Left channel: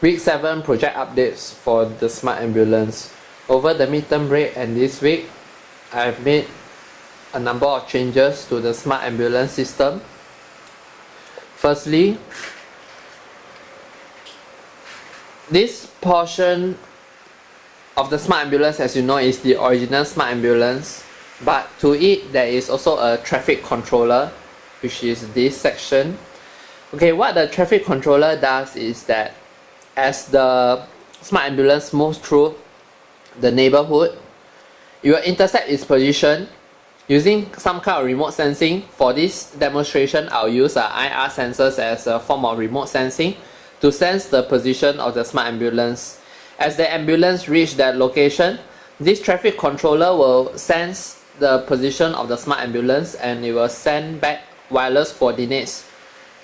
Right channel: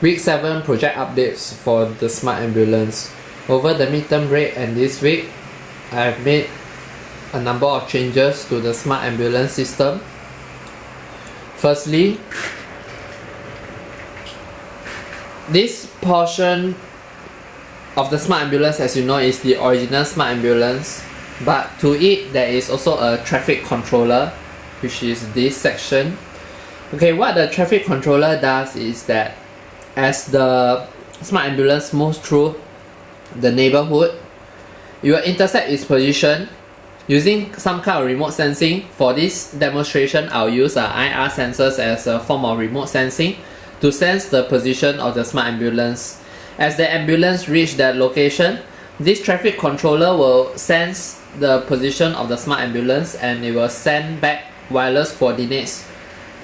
Week 7 project updates for the smart ambulance. Over the midterm break and this week, I have made a number of changes to the smart ambulance system. Firstly, this portion of the smart ambulance, as you know, is the original smart ambulance, but to it there is also a traffic controller, which is this section. Okay, what the traffic controller does is that as the smart ambulance moves through the neighborhood, it will intersect its position using some kind of remote sensing. For this demonstration, I'll use IR sensors as a form of remote sensing to sense the position of the smart ambulance. As the ambulance reaches that location, this traffic controller will sense the position of the smart ambulance and it will send back wireless coordinates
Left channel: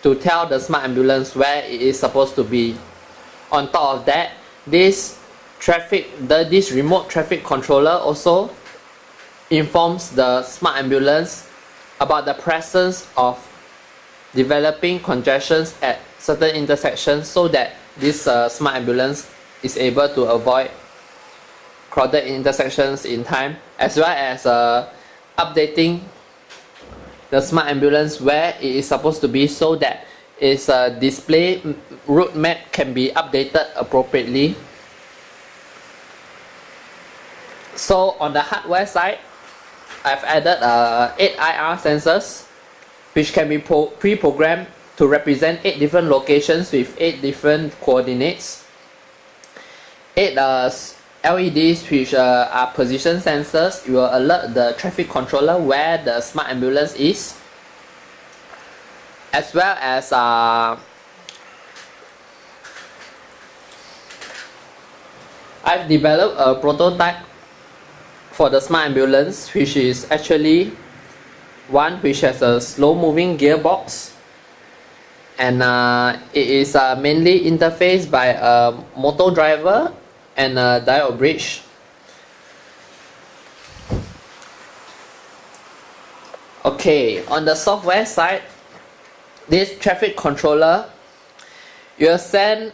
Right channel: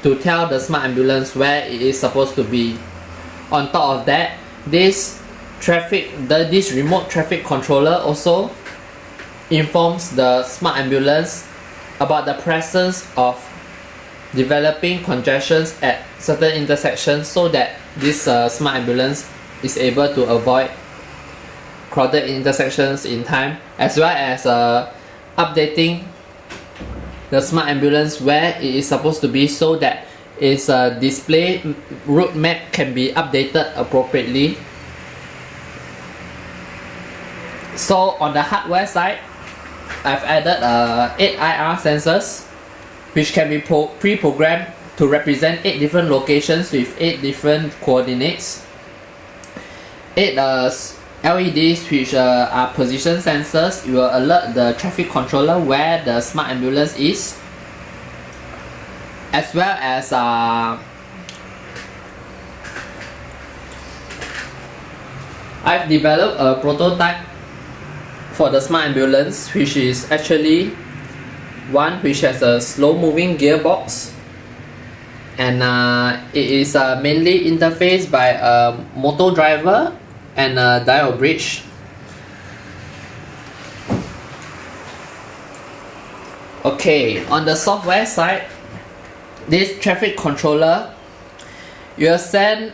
to tell the smart ambulance where it is supposed to be. On top of that, this remote traffic controller also informs the smart ambulance about the presence of developing congestions at certain intersections, so that this smart ambulance is able to avoid crowded intersections in time, as well as updating the smart ambulance where it is supposed to be, so that its display route map can be updated appropriately. So on the hardware side, I've added 8 IR sensors, which can be pre-programmed to represent 8 different locations with 8 different coordinates. 8 LEDs, which are position sensors. It will alert the traffic controller where the smart ambulance is, as well as I've developed a prototype for the smart ambulance, which is actually one which has a slow moving gearbox, and it is mainly interfaced by a motor driver and a diode bridge. Okay, on the software side, this traffic controller will send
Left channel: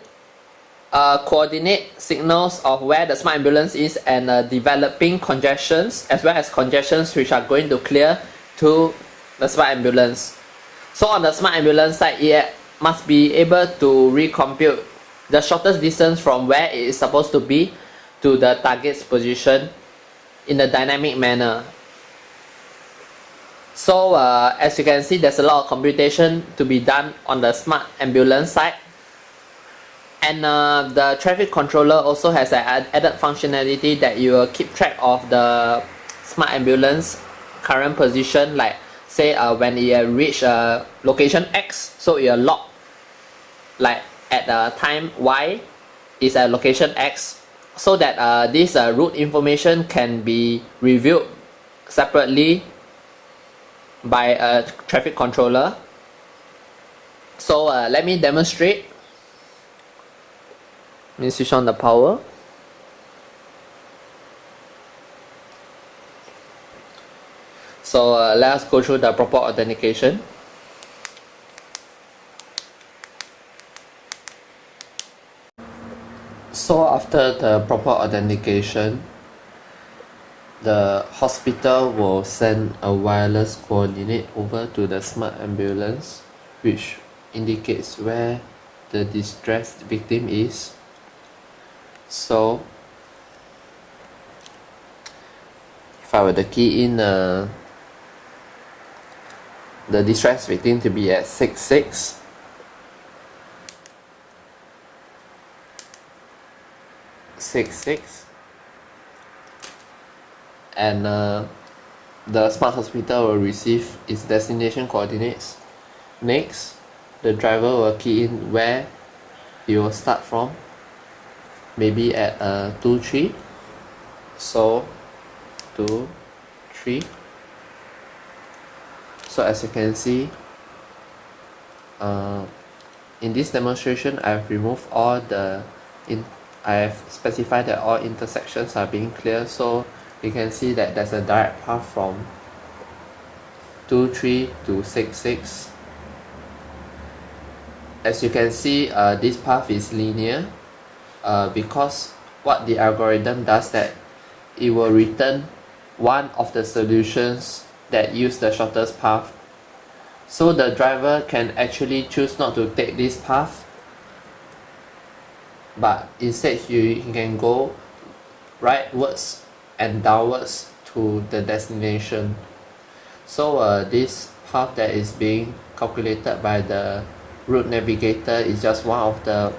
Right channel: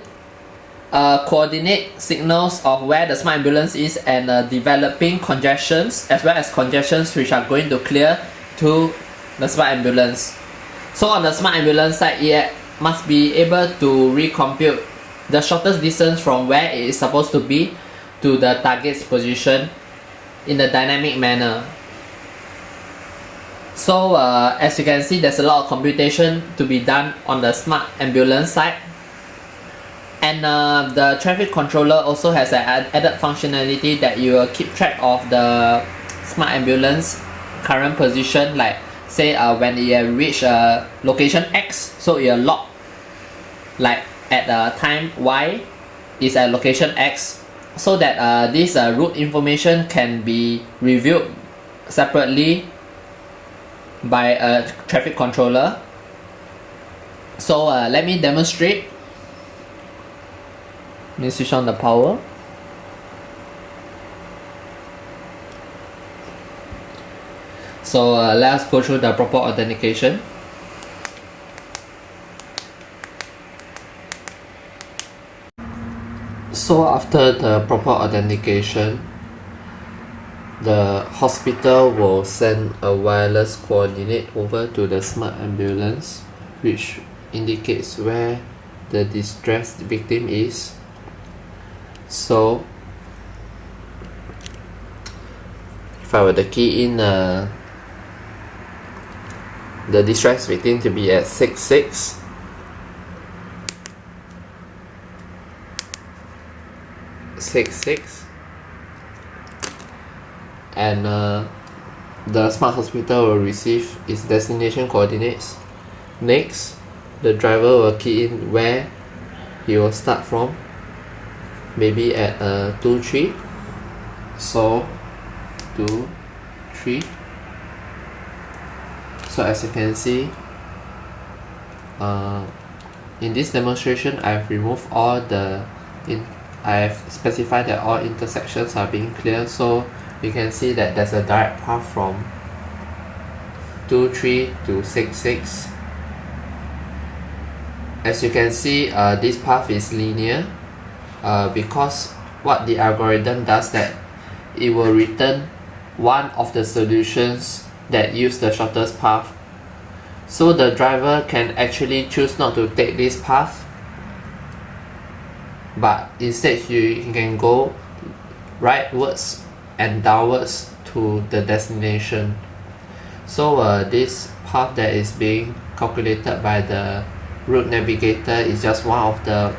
coordinate signals of where the smart ambulance is and developing congestions, as well as congestions which are going to clear to the smart ambulance. So on the smart ambulance side, it must be able to recompute the shortest distance from where it is supposed to be to the target's position in a dynamic manner. So as you can see, there's a lot of computation to be done on the smart ambulance side, and the traffic controller also has an added functionality that you will keep track of the smart ambulance current position, like say when it reach location X, so it will log like at time Y is at location X, so that this route information can be reviewed separately by a traffic controller. So let me demonstrate. Let me switch on the power. So let us go through the proper authentication. So after the proper authentication, the hospital will send a wireless coordinate over to the smart ambulance, which indicates where the distressed victim is. So if I were to key in the distressed victim to be at 66, and the smart hospital will receive its destination coordinates. Next, the driver will key in where he will start from, maybe at 23. So 23. So as you can see, in this demonstration, I've removed all I've specified that all intersections are being clear, so you can see that there's a direct path from 23 to 66. As you can see, this path is linear, because what the algorithm does that it will return one of the solutions that use the shortest path. So the driver can actually choose not to take this path, but instead he can go rightwards and downwards to the destination. So this path that is being calculated by the route navigator is just one of the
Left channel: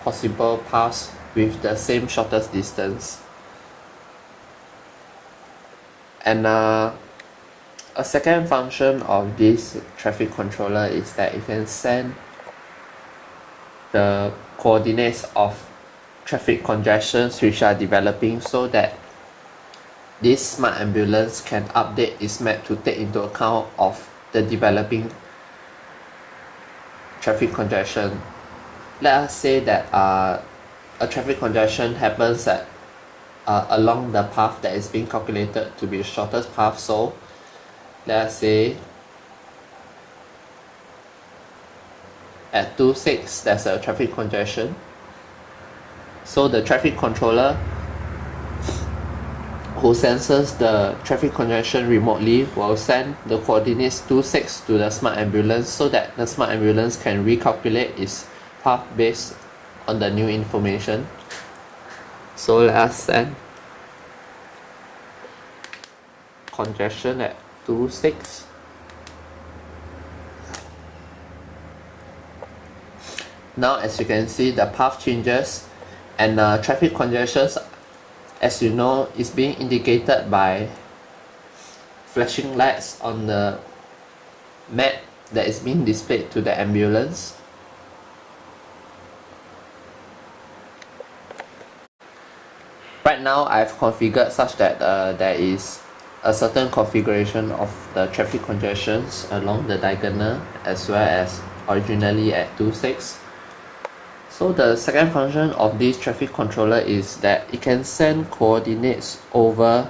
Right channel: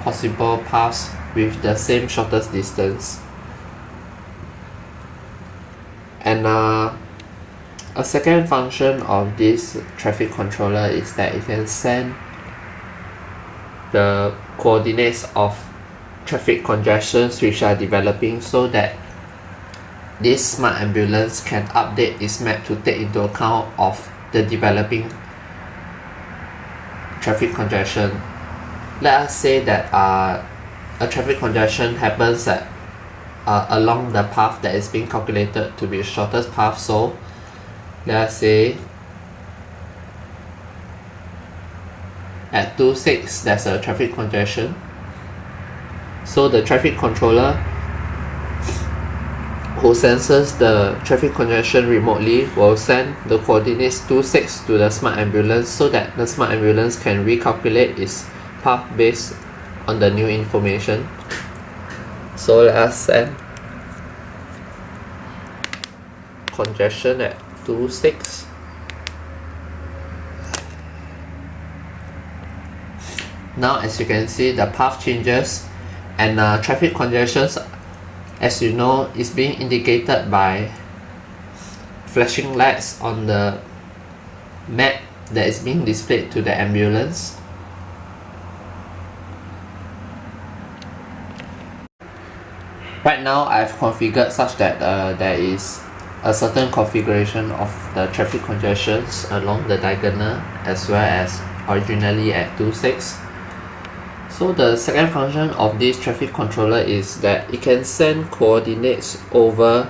possible paths with the same shortest distance. And a second function of this traffic controller is that it can send the coordinates of traffic congestions which are developing, so that this smart ambulance can update its map to take into account of the developing traffic congestion. Let us say that a traffic congestion happens at along the path that is being calculated to be the shortest path. So let us say at 26 there's a traffic congestion. So the traffic controller who senses the traffic congestion remotely will send the coordinates 26 to the smart ambulance, so that the smart ambulance can recalculate its path based on the new information. So let us set congestion at 26. Now as you can see, the path changes, and traffic congestions, as you know, is being indicated by flashing lights on the map that is being displayed to the ambulance. Right now I've configured such that there is a certain configuration of the traffic congestions along the diagonal as well as originally at 26. So the second function of this traffic controller is that it can send coordinates over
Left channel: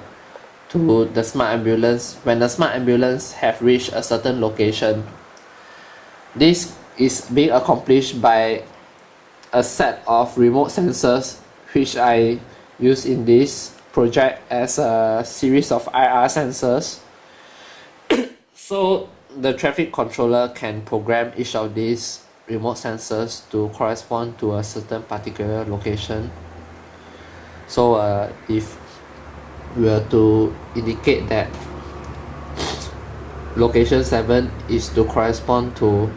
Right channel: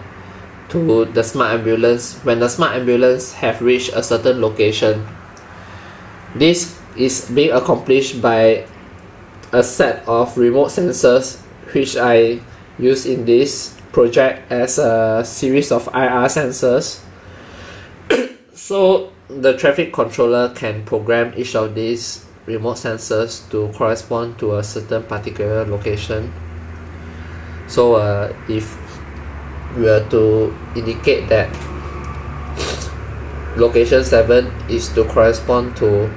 to the smart ambulance when the smart ambulance have reached a certain location. This is being accomplished by a set of remote sensors which I use in this project as a series of IR sensors. So the traffic controller can program each of these remote sensors to correspond to a certain particular location. So if we were to indicate that location 7 is to correspond to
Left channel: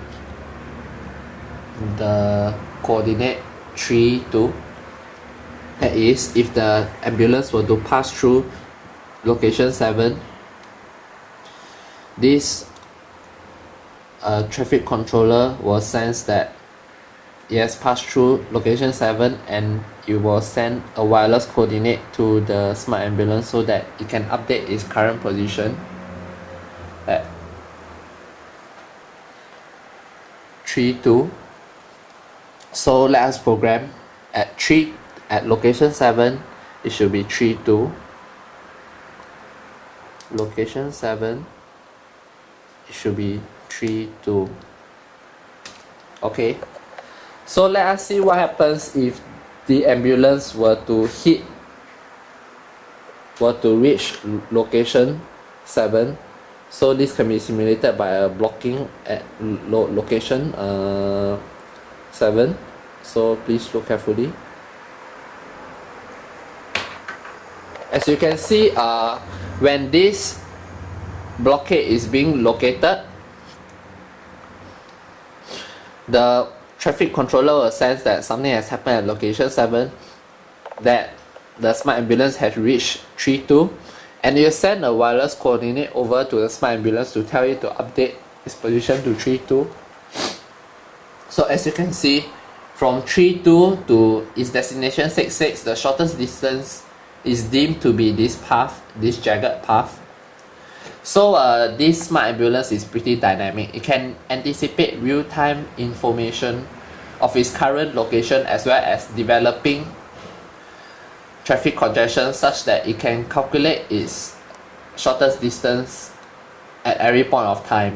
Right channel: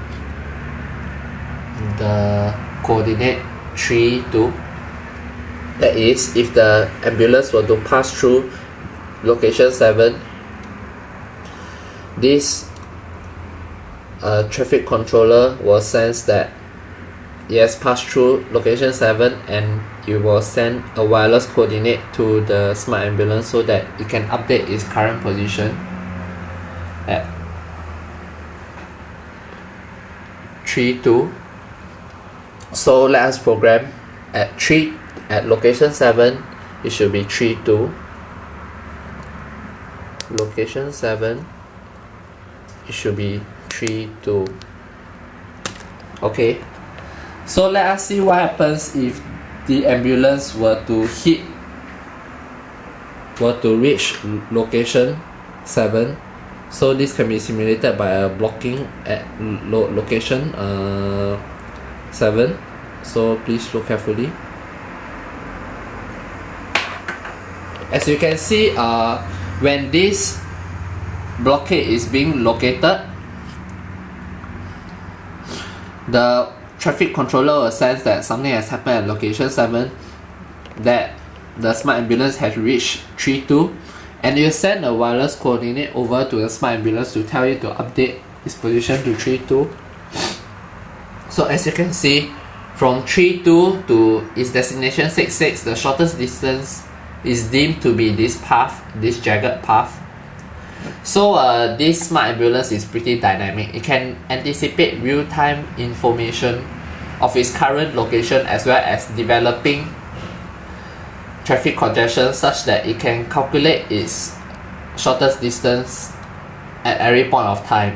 the coordinate 3, 2, that is, if the ambulance were to pass through location 7, this traffic controller will sense that it has passed through location 7, and it will send a wireless coordinate to the smart ambulance so that it can update its current position at 3, 2. So let us program at location 7, it should be 3, 2. Location 7, it should be 3, 2. Okay, so let us see what happens if the ambulance were to reach location 7. So this can be simulated by a blocking at location 7. So please look carefully. As you can see, when this blockade is being located, the traffic controller will sense that something has happened at location 7, that the smart ambulance has reached 3, 2, and it will send a wireless coordinate over to the smart ambulance to tell you to update its position to 3, 2. So as you can see, from 3, 2 to its destination 6, 6, the shortest distance is deemed to be this path, this jagged path. So this smart ambulance is pretty dynamic. It can anticipate real-time information of its current location as well as developing traffic congestion, such that it can calculate its shortest distance at every point of time.